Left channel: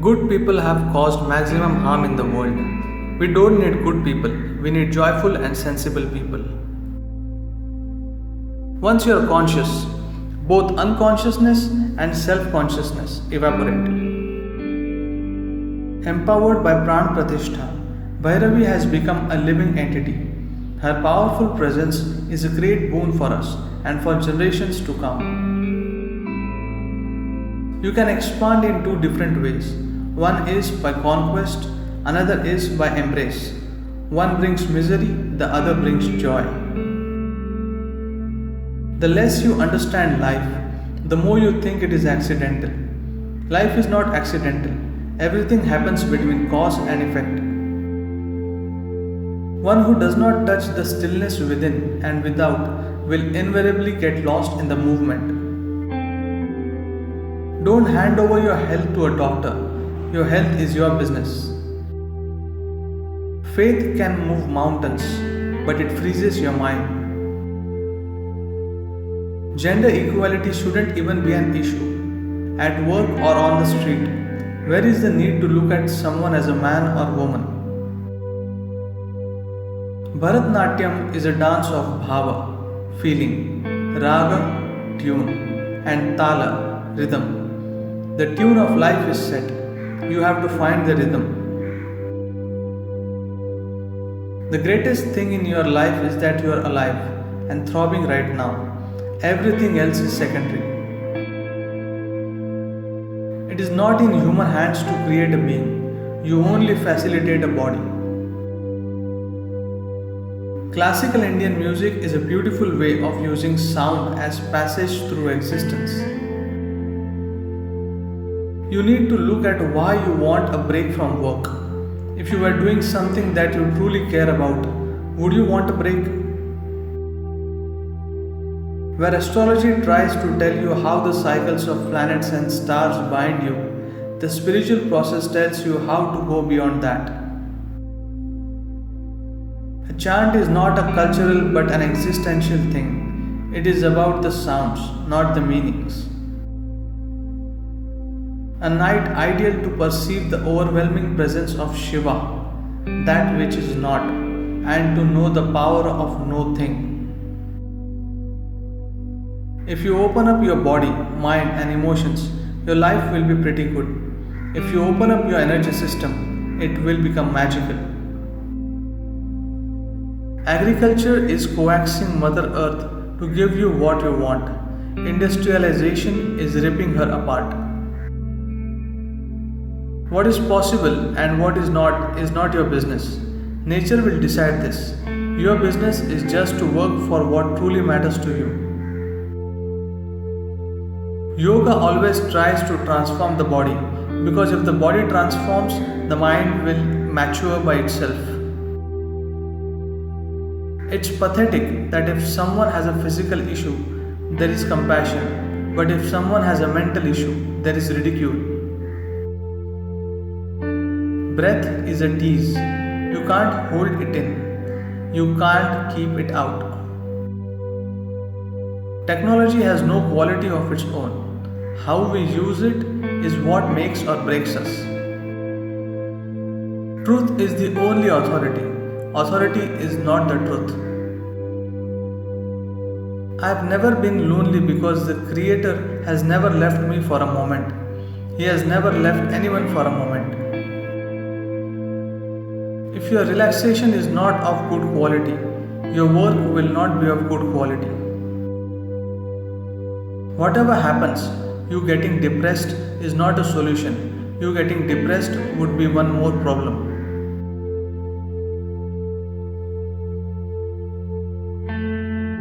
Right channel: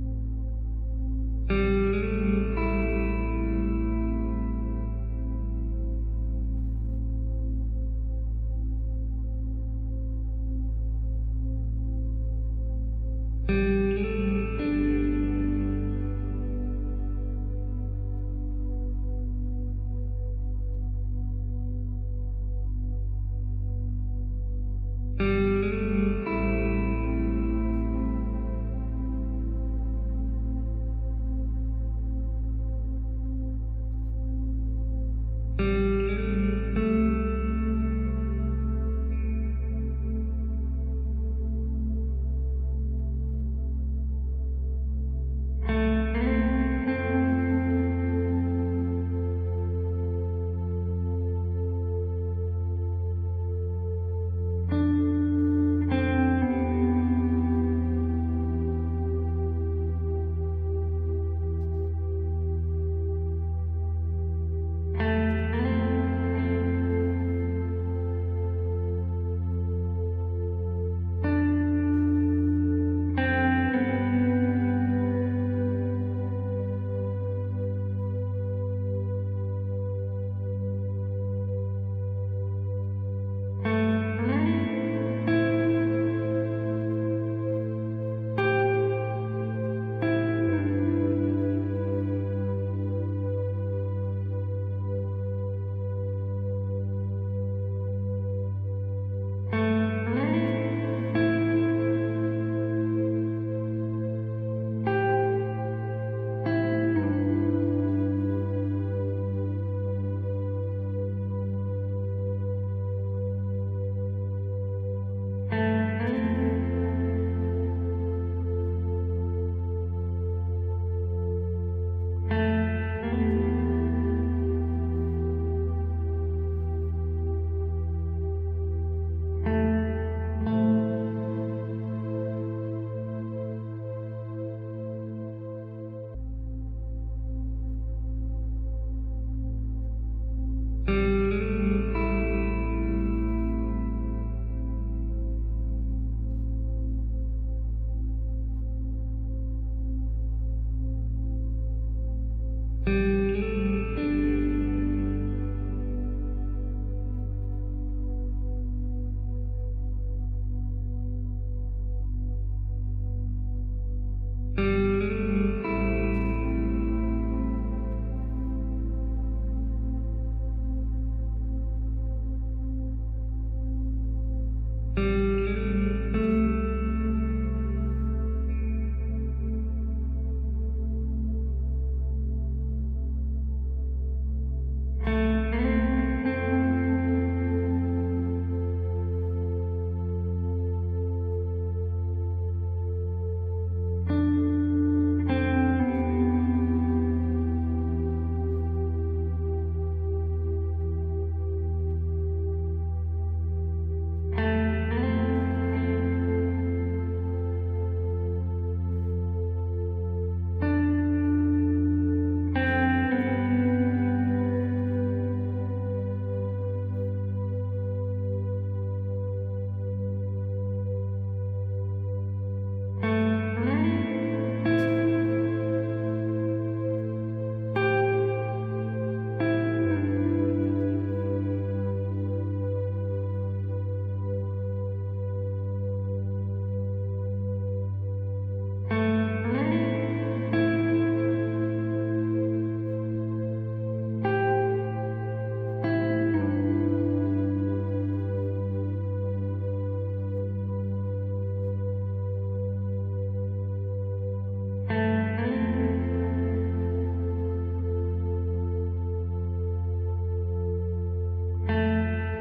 Good people have caused maximum harm in the world. We don't need good people, we need joyful and sensible people. Once you are conscious, both unconsciousness and self consciousness evaporate. Empowered by Pran Pratishtha, Bhairavi has become a living entity. Her powerful presence is a great boon for us and for generations to come. You can expand in two different ways. One is by conquest, another is by embrace. One brings misery, the other brings joy. The less you understand life, the more you think it is accidental. Life is not accidental. Everything happens between cause and effect. One who does not touch the stillness within and without will invariably get lost in the movement. Don't hand over your health to a doctor. Your health is your business. Faith can move mountains, but it freezes your mind. Gender equality shouldn't even be an issue. At work or on the street, where is the need to look at someone as a man or woman? Bharatnatyam is a dance of bhava, feeling, raga, tune, and tala, rhythm. The tune of life is set. You have to find the rhythm. The greatest thing in your life is that you are alive and throbbing right now. Everything else is secondary. It is not in human hands to create a being. You only facilitate a body. Classical Indian music is a beautiful way of using sound as passage through existence. You need to look at why you want a break from work. If you were doing something that you truly care about, would you want a break? Where astrology tries to tell you how the cycles of planets and stars bind you, the spiritual process tells you how to go beyond that. A chant is not a cultural but an existential thing. It is about the sounds, not the meanings. A night ideal to perceive the overwhelming presence of Shiva, that which is not, and to know the power of no thing. If you open up your body, mind, and emotions, your life will be pretty good. If you open up your energy system, it will become magical. Agriculture is coaxing Mother Earth to give you what you want. Industrialization is ripping her apart. What is possible and what is not your business. Nature will decide this. Your business is just to work for what truly matters to you. Yoga always tries to transform the body because if the body transforms, the mind will mature by itself. It's pathetic that if someone has a physical issue, there is compassion, but if someone has a mental issue, there is ridicule. Breath is a tease. You can't hold it in. You can't keep it out. Technology has no quality of its own. How we use it is what makes or breaks us. Truth is the only authority. Authority is not the truth. I have never been lonely because the Creator has never left me for a moment. He has never left anyone for a moment. If your relaxation is not of good quality, your work will not be of good quality. Whatever happens, you getting depressed is not a solution. You getting depressed would be one more problem.